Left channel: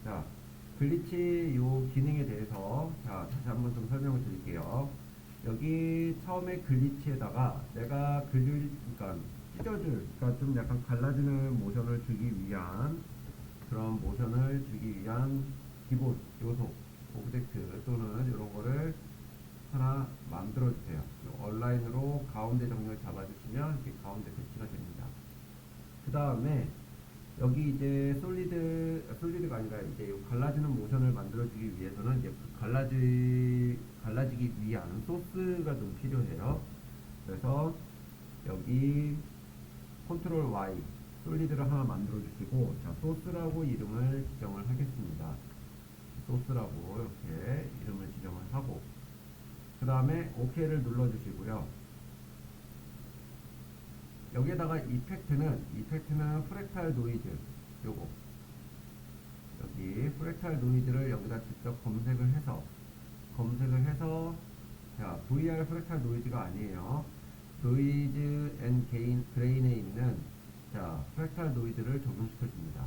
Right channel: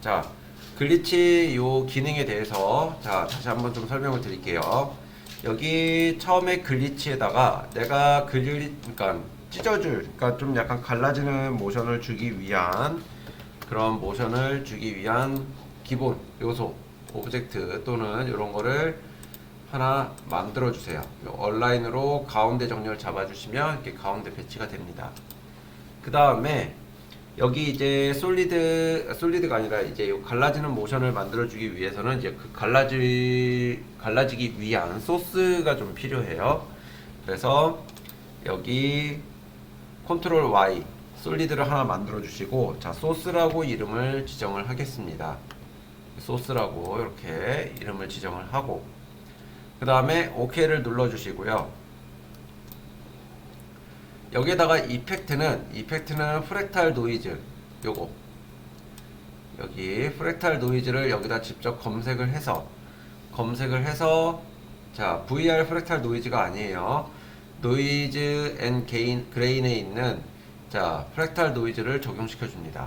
자, 글리치 요 기능에 대해서 자, 다시 한번 좀 설명을 드릴게요. 여기 처음에 글리치에다가 내가 그러니까 찢어줄, 그러니까 좀 약간 갈라지는 모션을 주기 위한 그런 모션을 주기 위한 기본 요소, 오브젝트 또는 이런 거를 하나 만들어 주세요. 온라인으로 가운데 정렬 잡아주시면 이렇게 가운데 배치가 됩니다. 그 다음에 여기 이제 솔리드가 아니라 이제 요 갈라지는 모션을 만들어주기 위해서는 이제 그 갈라지기 위한 소스가 좀 필요해요. 그래서 여기 컨트롤 Y 솔리드를 하나 만들어 주시고, 자, 소스라고 이름을 지정을 하겠습니다. 소스라고 이렇게 이름을 지정을 하고, 그 다음에 OK를 눌러 주시고요. 여기에다가 이펙트는 프랙탈 노이즈, 요거 여기 프랙탈 노이즈를 여기다 직접 검색을 해서 자, VR 프랙탈 노이즈가 아니에요. 노이즈 앤 그레인에 있는 자, 프랙탈 노이즈를 적용시켜 줍니다.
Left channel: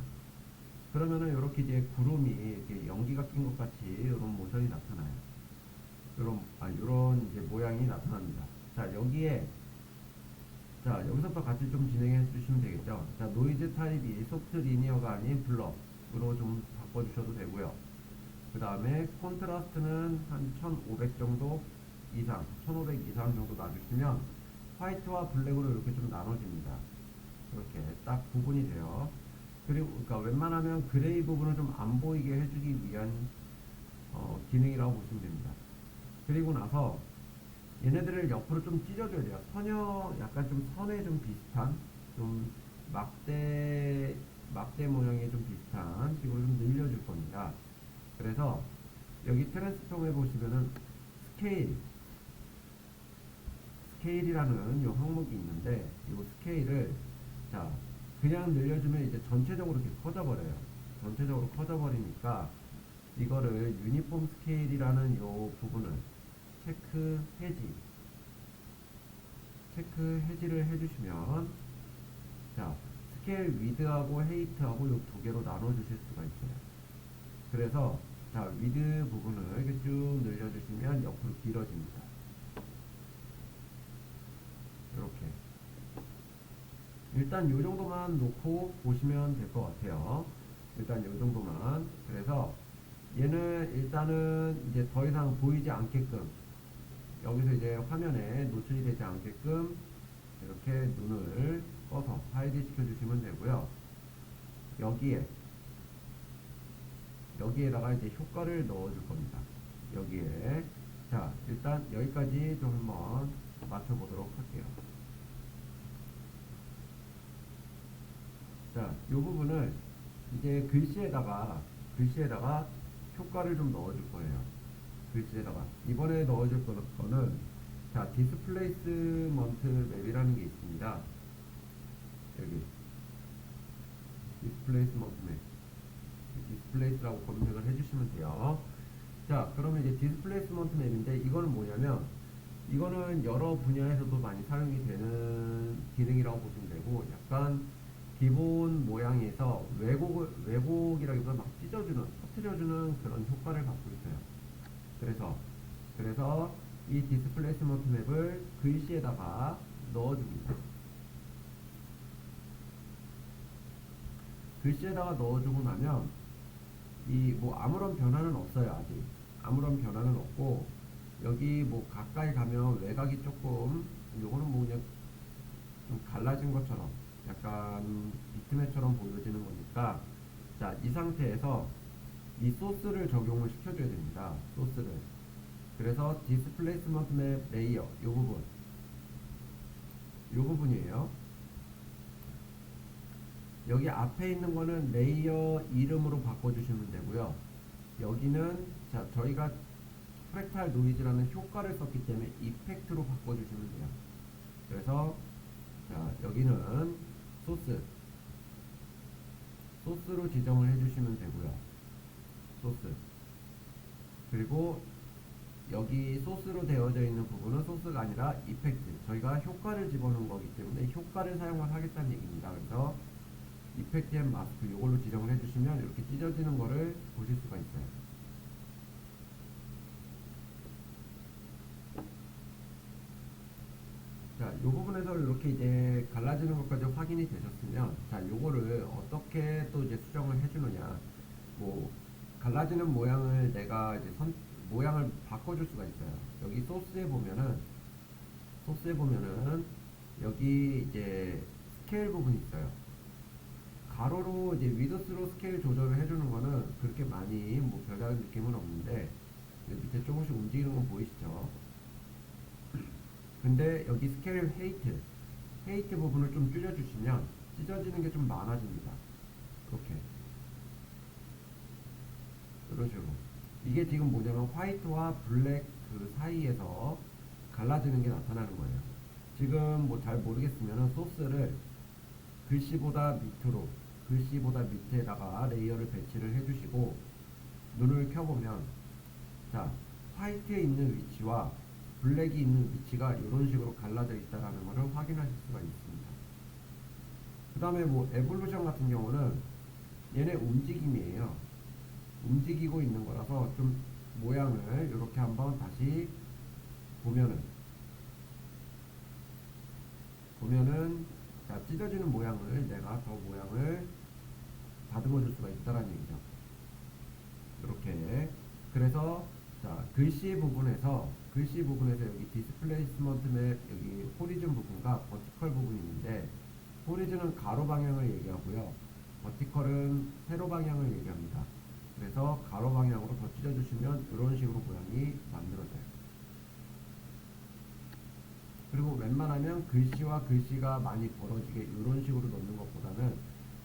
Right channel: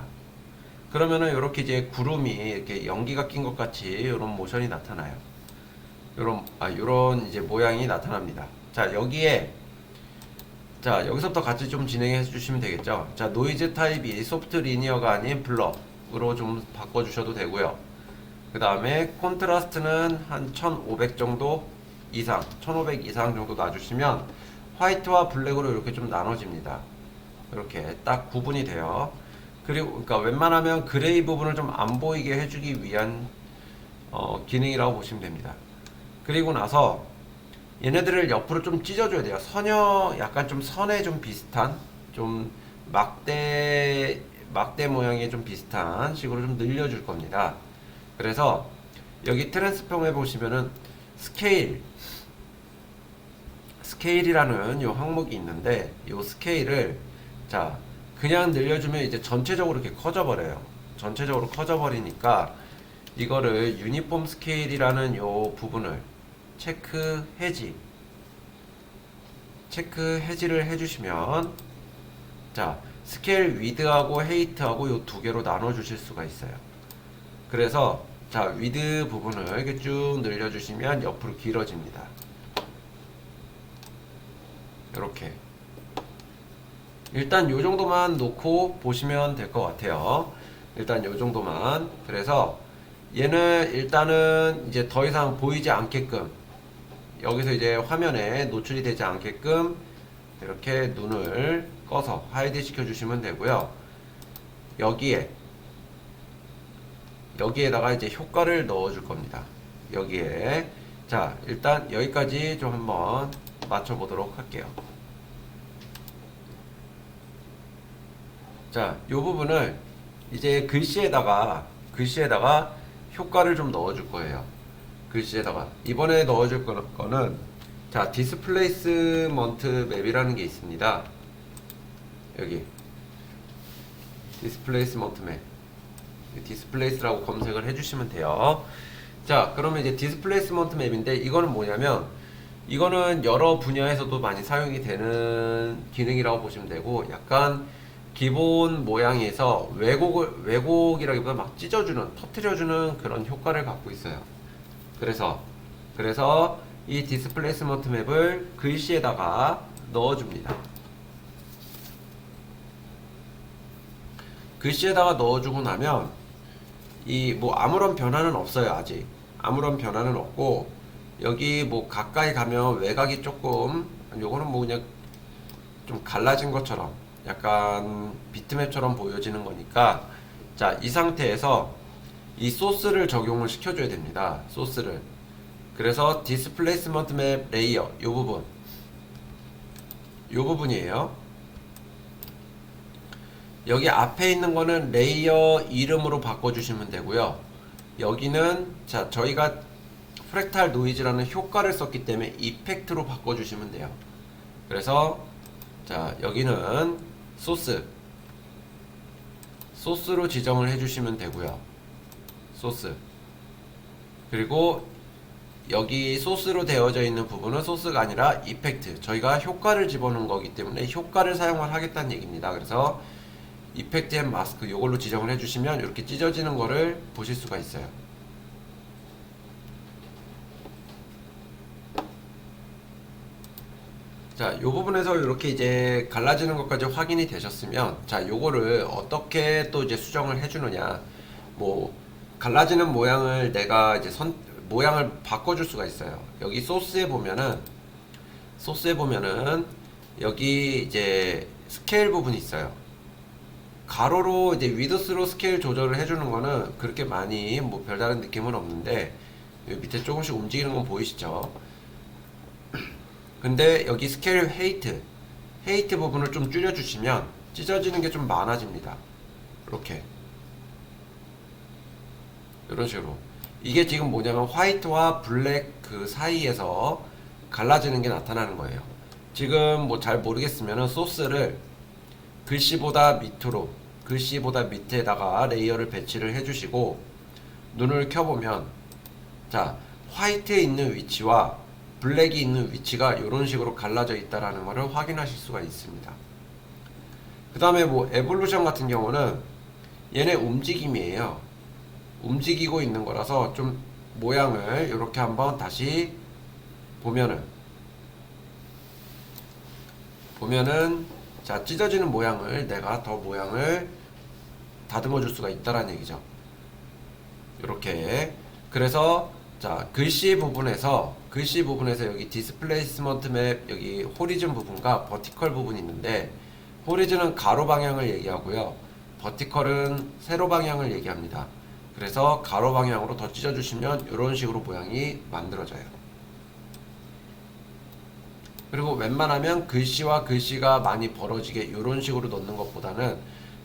그러면은 이렇게 이제 구름이 이렇게 연기가 낀 것 같이 이런 모션이 나타나요. 요런 이제 모양이 나타납니다. 자, 자, 여기서부터 같이 좀 진행해 주시면 되겠죠. 자, 노이즈 타입이 소프트 리니어가 아닌 블럭으로 좀 바꿔 주셔도 되고요. 그 다음에 콘트라스트는 한 1500 정도 이상, 1500 이상 정도 놔주시면 화이트와 블랙으로 이렇게 좀 나눠집니다. 이렇게 딱 구분이 돼요. 그리고 그러니까 웬만하면 그레이 부분을 좀 안 보이게 해주기 위한 기능이라고 보시면 됩니다. 그리고 나서 얘네들을 옆으로 좀 찢어줘야 돼요. 약간 좀 선에 좀 비슷한, 좀 막대 모양에 좀 비슷한 식으로 좀 늘려줄 겁니다. 그래서 여기 트랜스폼에 보시면은 스케일이라는 요 항목이 있는데, 요 스케일을 자, 그냥 늘려주면 이제 전체적으로 이렇게 커져버려요. 전체적으로 커져버리니까 이거를 유니폼 스케일이라는 요 부분을 체크 해지를 해주시면, 자, 스케일 위드하고 헤이트하고 요 두 개로 나눠 주실 수가 있어요. 그래서 자, 위드 부분을 이렇게 쭉 늘려주시면 옆으로 길어집니다. 이렇게 일단 요 정도만 놓고 보시면 될 것 같아요. 일단 요 정도만. 그래서 얘는 일단은 이제 더 이상 보이지 않게끔, 여기서 이제 화면에 노출이 되지 않게끔 이렇게 눈을 꺼서 하이드 시켜 주시면 되고요. 여기에다가 이제 효과를 넣어 줄 겁니다. 여기에. 자, 일단 여기까지 좀 한번 맞춰 보도록 할게요. 자, 요 부분을 이제 글씨에다가 효과를 좀 넣어 줄 거예요. 글씨에다가 이번에 넣어줄 거는 자, 디스플레이스먼트 맵이라는 게 있습니다. 여기 디스플레이스먼트 맵, 디스플레이스라고 검색을 해주시면 돼요. 자, 그러면 이제 디스플레이스먼트 맵인데, 이거는 뭐냐면 이거는 여러 분야에서도 많이 사용이 되는 기능이라고 보시면 되고, 약간 기본 모양에서 왜곡이라기보다 막 터트려주는 그런 효과를 갖고 있어요. 그래서 이 디스플레이스먼트 맵을 글씨에다가 넣어줍니다. 글씨에다가 넣어주고 나면 이 뭐 아무런 변화는 없어요. 아직 아무런 변화는 없고, 여기 뭐 가까이 가면 외곽이 조금, 요거는 뭐 그냥 좀 갈라진 것처럼 약간 비트맵처럼 보여지는 거니까, 자, 이 상태에서 이 소스를 적용을 시켜줘야 됩니다. 소스를. 그래서 디스플레이스먼트 맵 레이어 요 부분이에요. 여기 앞에 있는 거는 레이어 이름으로 바꿔주시면 되고요. 여기는 자, 저희가 프랙탈 노이즈라는 효과를 썼기 때문에 이펙트로 바꿔주시면 돼요. 그래서 자, 여기는 소스로 지정을 해주시면 되고요. 소스. 그리고 여기 소스로 되어져 있는 부분은 소스가 아니라 이펙트, 저희가 효과를 집어넣은 거기 때문에 효과를 사용을 하겠다는 얘기입니다. 그래서 이펙트 앤 마스크 요걸로 지정을 해주시면 이렇게 찢어지는 거를 보실 수가 있어요. 자, 요 부분에서 이렇게 이제 갈라지는 것까지 확인이 되셨으면, 자, 요거를 어떻게 또 이제 수정을 해주느냐. 뭐, 갈라지는 모양을 내가 이제 모양을 바꿔줄 수가 있어요. 여기 소스에 보면은, 여기 이제 스케일 부분이 있어요. 가로로 이제 위드스로 스케일 조절을 해주는 거는 그렇게 많이 뭐 별다른 느낌은 없는데, 여기 밑에 조금씩 움직이는 건 보이시죠? 근데 여기 스케일 헤이트 부분을 좀 줄여주시면 찢어지는 게 좀 많아집니다. 이렇게 이런 식으로. 이게 지금 뭐냐면 화이트와 블랙 그 사이에서 갈라지는 게 나타나는 거예요. 지금 뭐 잘 모르겠으면 소스를 글씨보다 밑에다가 레이어를 배치를 해주시고 눈을 켜보면, 자, 화이트에 있는 위치와 블랙이 있는 위치가 이런 식으로 갈라져 있다라는 것을 확인하실 수가 있습니다. 그 다음에 뭐 에볼루션 같은 경우는 얘네 움직임이에요. 움직이고 있는 거라서 좀 모양을 이렇게 한번 다시 보면은 자, 찢어지는 모양을 내가 더 모양을 다듬어 줄 수가 있다라는 얘기죠. 이렇게. 그래서 자, 글씨 부분에서 여기 디스플레이스먼트 맵 여기 호리즌 부분과 버티컬 부분이 있는데, 호리즌은 가로 방향을 얘기하고요, 버티컬은 세로 방향을 얘기합니다. 그래서 가로 방향으로 더 찢어주시면 이런 식으로 모양이 만들어져요. 그리고 웬만하면 글씨와 글씨가 많이 벌어지게 이런 식으로 넣는 것보다는,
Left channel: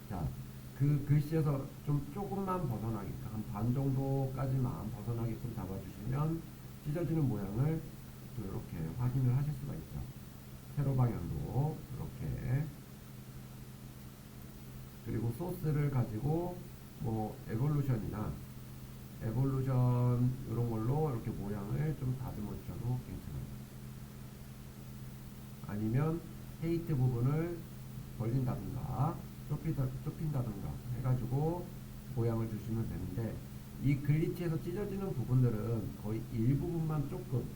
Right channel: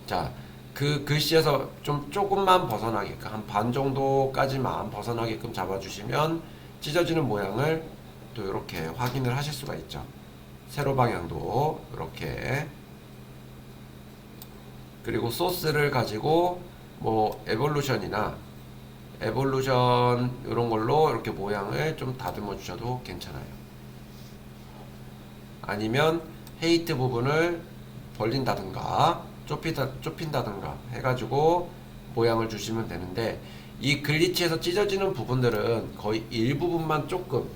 자, 그 글씨에서 좀 조금만 벗어나게끔 한 반 정도까지만 벗어나게끔 잡아주시면 찢어지는 모양을 또 이렇게 확인을 하실 수가 있죠. 세로 방향도 이렇게. 그리고 소스를 가지고 뭐 에볼루션 이런 걸로 이렇게 모양을 좀 다듬어 주셔도 괜찮아요. 아니면 헤이트 부분을 벌린다든가 좁힌다든가 해가지고 모양을 주시면 되는데, 이 글리치에서 찢어지는 부분들은 거의 일부분만 조금,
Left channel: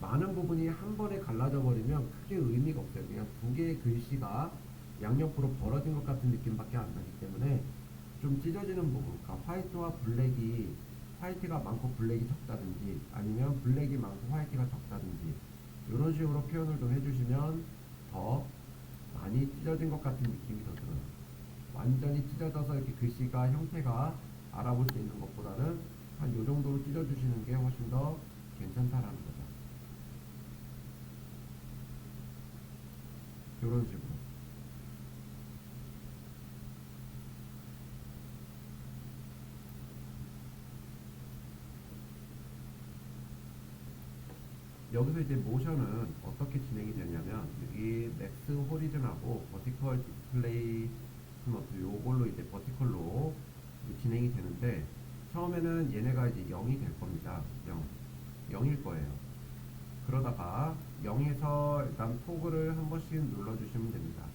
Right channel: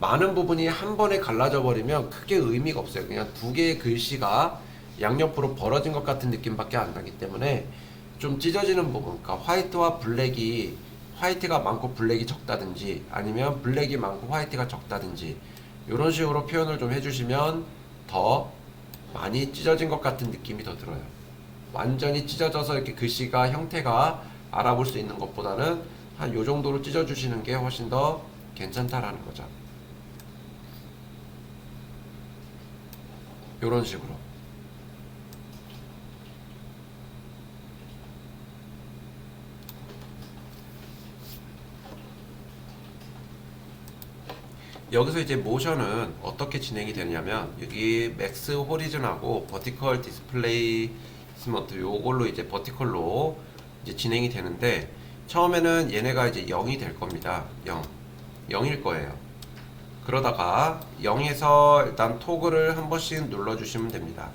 많은 부분이 한 번에 갈라져 버리면 크게 의미가 없어요. 그냥 두 개의 글씨가 양옆으로 벌어진 것 같은 느낌밖에 안 나기 때문에, 좀 찢어지는 부분, 그러니까 화이트가 많고 블랙이 적다든지, 아니면 블랙이 많고 화이트가 적다든지, 이런 식으로 표현을 좀 해주시면 더 많이 찢어진 것 같은 느낌이 더 들어요. 완전히 찢어져서 이렇게 글씨가 형태가 알아볼 수 있는 것보다는 한 요 정도로 찢어주시는 게 훨씬 더 괜찮다라는 거죠. 요런 식으로. 여기서 이제 모션은 어떻게 진행이 되냐면, 여기 맥스 호리즌하고 버티컬 디스플레이스먼트 요걸로 이제 버티컬로 이제 진행이 되는데, 처음에는 얘네가 이제 0이 될 겁니다. 0일 거예요. 그러다가 0에서 일단 토글을 한 번씩 눌러주시면 됩니다.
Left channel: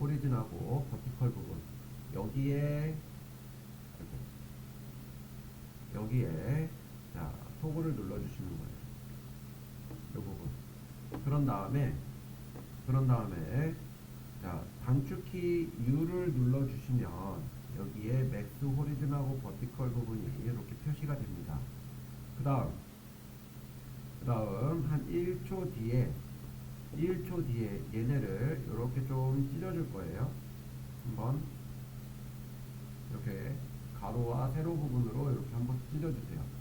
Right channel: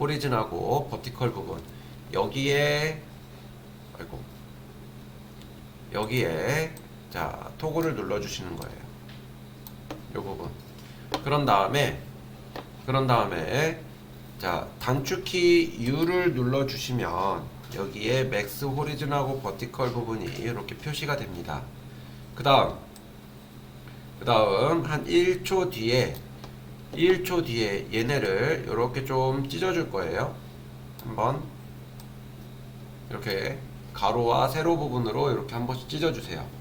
호리즌하고 버티컬 부분 여기에 자, 토글을 눌러주시는 거예요. 요 부분. 그런 다음에 자, 단축키 U를 눌러주시면 여기에 맥스 호리즌하고 버티컬 부분이 이렇게 표시가 됩니다. 그 다음 한 1초 뒤에 얘네를 이렇게 좀 찢어줄 거예요. 한번 이렇게 가로와 세로 부분으로 이렇게 한 번씩 찢어주세요.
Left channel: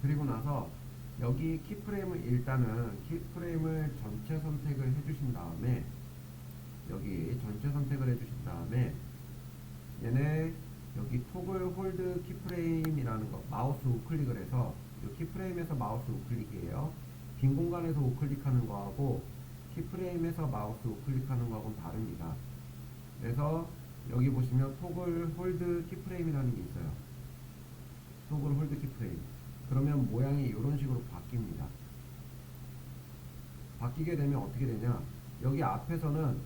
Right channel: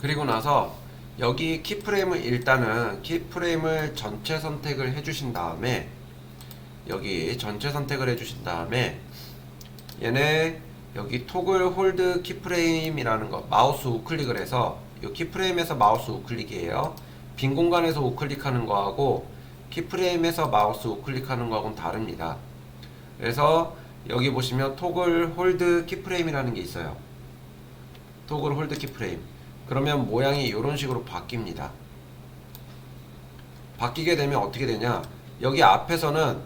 그리고 나서 여기 키프레임을 전체 선택을 해주신 다음에, 얘네 여기 토글 홀드 키프레임이라는 거 마우스 우클릭을 해서 이 키프레임에서 마우스 우클릭이에요. 빈 공간에서 우클릭하는 거하고 키프레임에서 마우스 우클릭하는 거하고는 다릅니다. 그래서 여기 보시면 토글 홀드 키프레임이라는 게 있어요. 토글 홀드 키프레임. 그러면 모양이 이런 식으로 바뀝니다. 바뀌게 되면 어떻게 되냐? 여기 앞에서는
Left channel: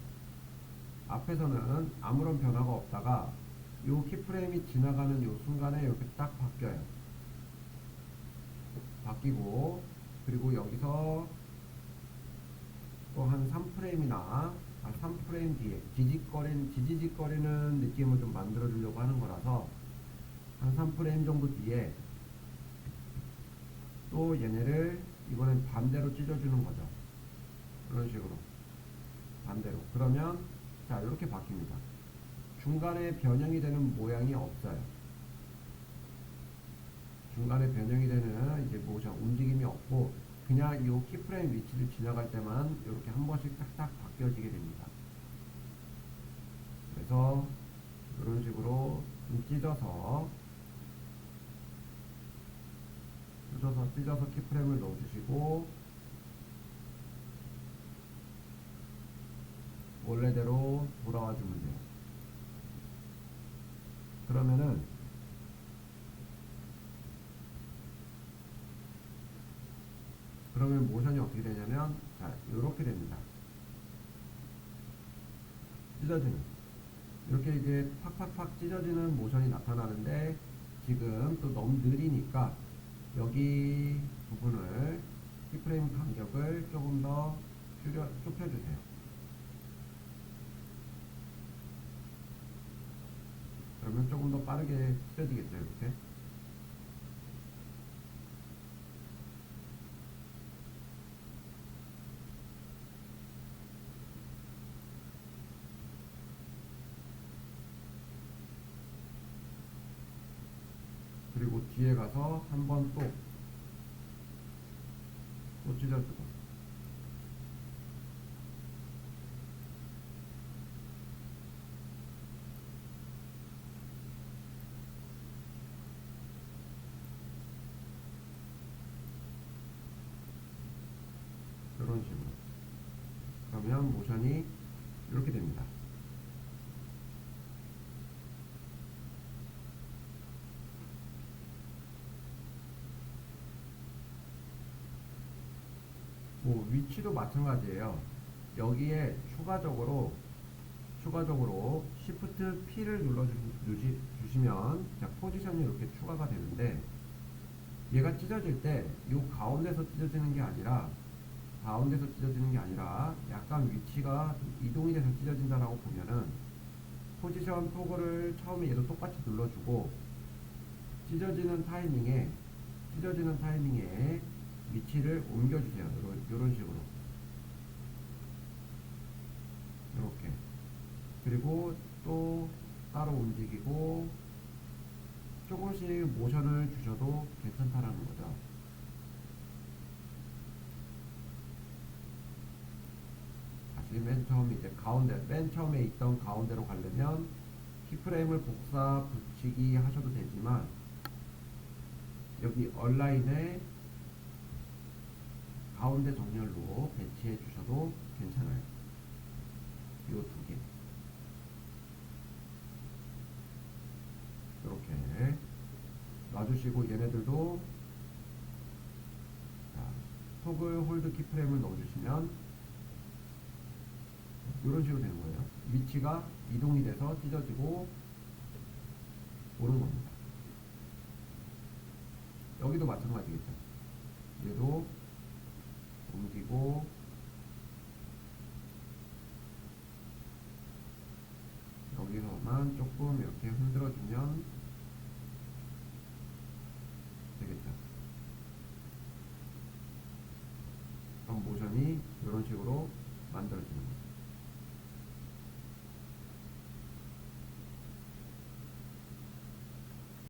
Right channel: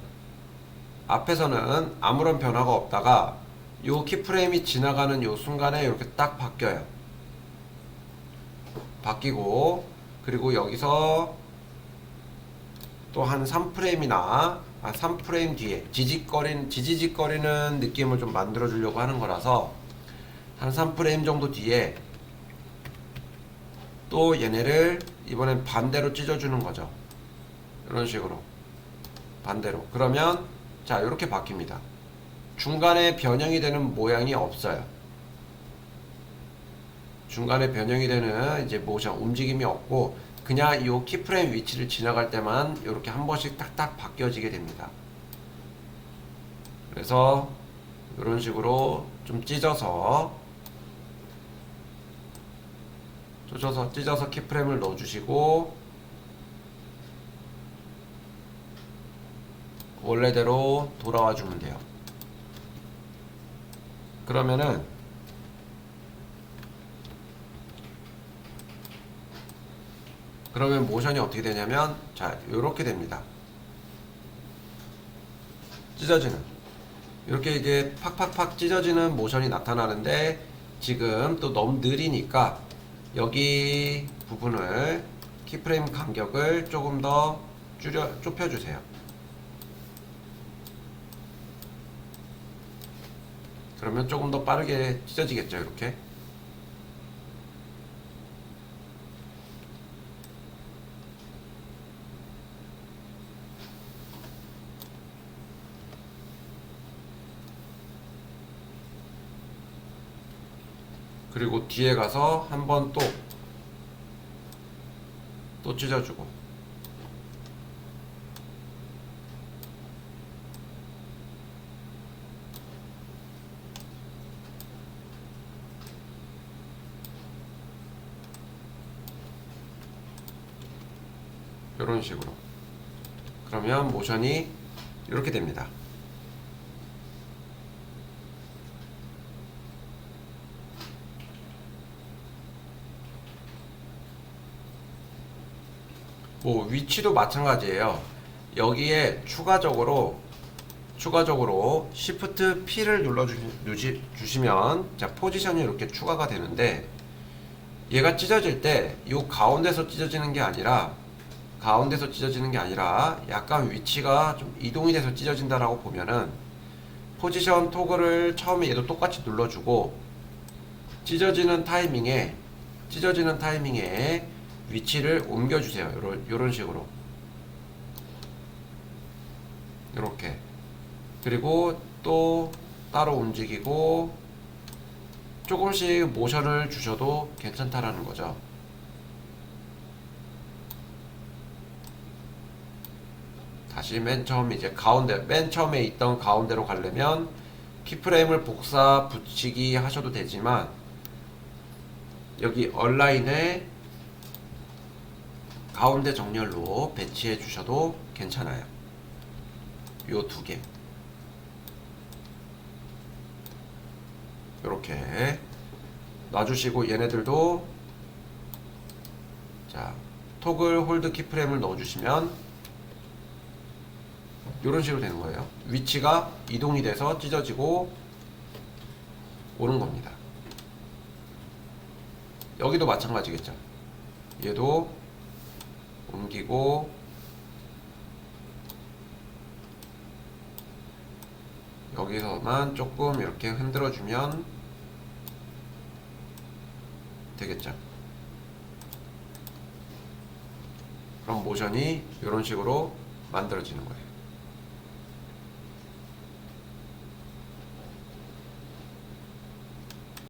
아무런 변화가 없다가 요 키프레임이 지나가는 요 순간에 이렇게 딱 바뀌어요. 바뀌고, 그리고 여기서 또 한 3프레임이나 3프레임 뒤에 지지직거리는 느낌을 좀 만들어 주려고 하는 거라서 한 3프레임 정도 뒤에 또 얘네를 이번엔 반대로 찢어주는 거죠. 이런 식으로 반대로. 그러면 자, 이렇게 바뀝니다. 중간에 변형이 되는 모양이 없어요. 중간에 변형이 되는 이제 모션 움직임이 없고 그냥 이 키프레임 위치를 지나갈 때만 이렇게 한 번씩 딱딱 바뀌어지게 됩니다. 그래서 이런 식으로 좀 찢어서 키프레임을 넣어주시고 원래대로 돌아와 주면 돼요. 그러면 모션이 어떻게 되냐면 자, 요렇게 됩니다. 찢어지는 이렇게 이제 팍팍팍 찢어지는 모션이 나타나는데 지금 또 너무 느리니까 여기 부분을 키프레임 간격을 조금 더 좁혀주세요. 그러면 조금 더 빠르게 찢어지겠죠. 이렇게. 그리고 뒤에 가서 한번 또 찢어주고 이런 식으로. 그러면 모션이 이렇게 됩니다. 뭐 위치도 마찬가지예요. 여기에 추가적으로 Shift P를 눌러주시면 자, 포지션이 이렇게 추가가 되는데 얘가 찢어질 때 이 가운데서 찢어지는 게 아니라 약간 위치가 좀 이동이 돼서 찢어진다라고 보면은 포지션 토글을 처음에 얘도 똑같이 눌러주고 찢어지는 타이밍에 위치를 옮겨주세요. 요런 식으로. 이렇게. 그리고 또 따로 움직이고 조금씩 모션을 주셔도 괜찮다라는 거죠. 다시 맨 처음에 있던 가운데로 가려면 키프레임을 복사 붙이기 하셔도 되지만 여기 얼라인에 가운데 정렬로 배치해 주셔도 괜찮아요. 요 두 개. 요렇게 놔주시고 얘네들도 자, 토글 홀드 키프레임을 넣어주시면 요런 식으로 되는 거예요. 위치가 이동이 돼서 찢어지고 오는 겁니다. 여기도 마찬가지겠죠. 얘도 옮기고 여기서만 조금 이렇게 흔들어주면 되겠죠. 그럼 모션이 이런 식으로 만들어지는 거예요.